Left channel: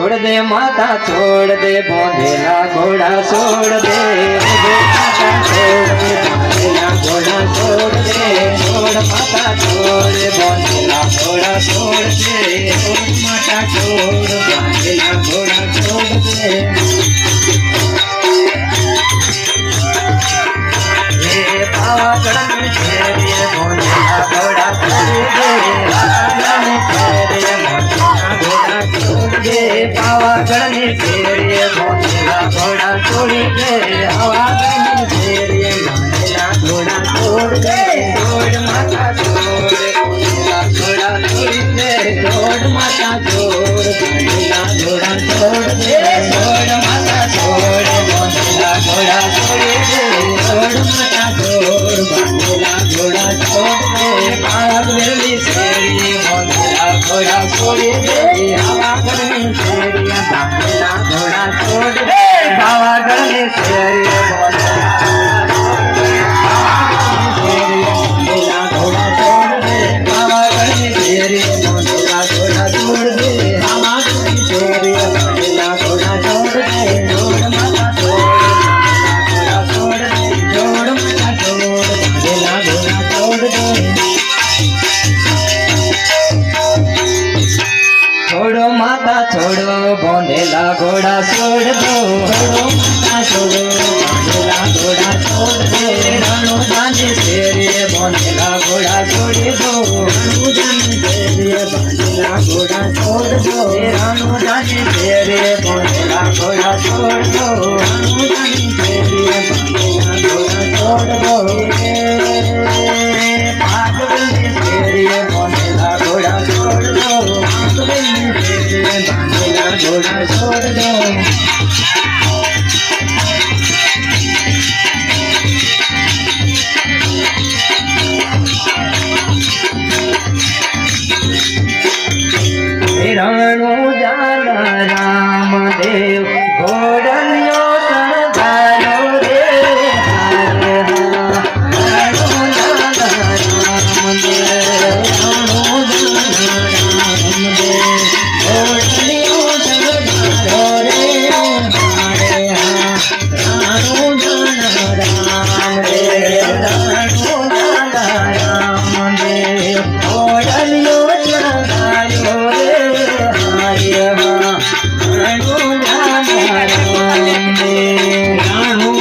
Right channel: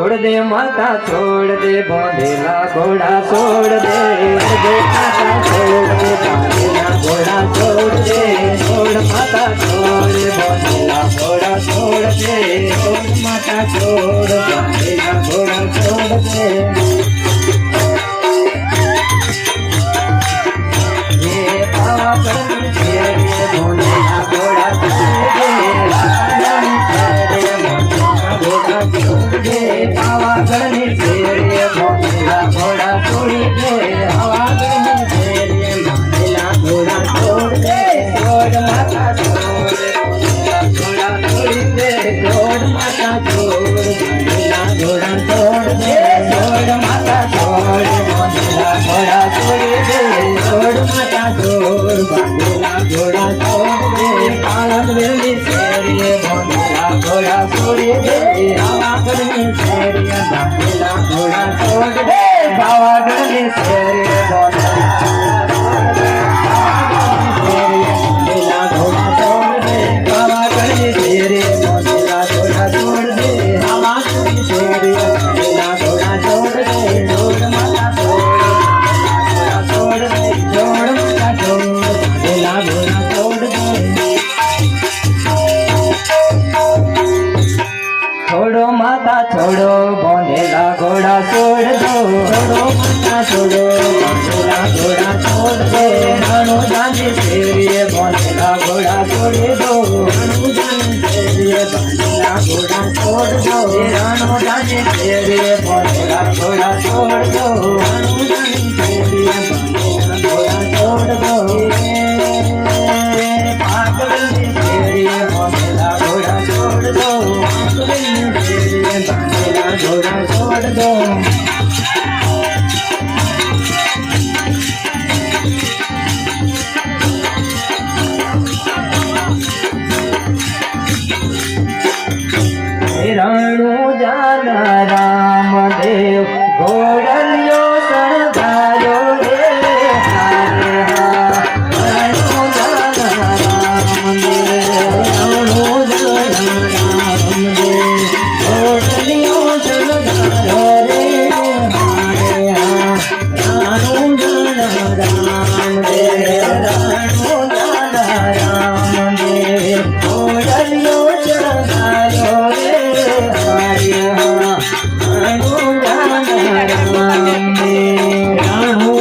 छोड़ दे माता छोड़ दे बांधेला घोड़ा छोड़ दे दे घोड़ा छोड़ छोड़ माता छोड़ बांधेला घोड़ा छोड़ माता छोड़ घोड़ा छोड़ Yes, ના છોડો બોંધેલા ઘોડા છોડ દો ના છોડો. બોંધેલા ઘોડા છોડ દો નાનો જાને શેરીએ બોંધેલા ઘોડા છોડી நானோ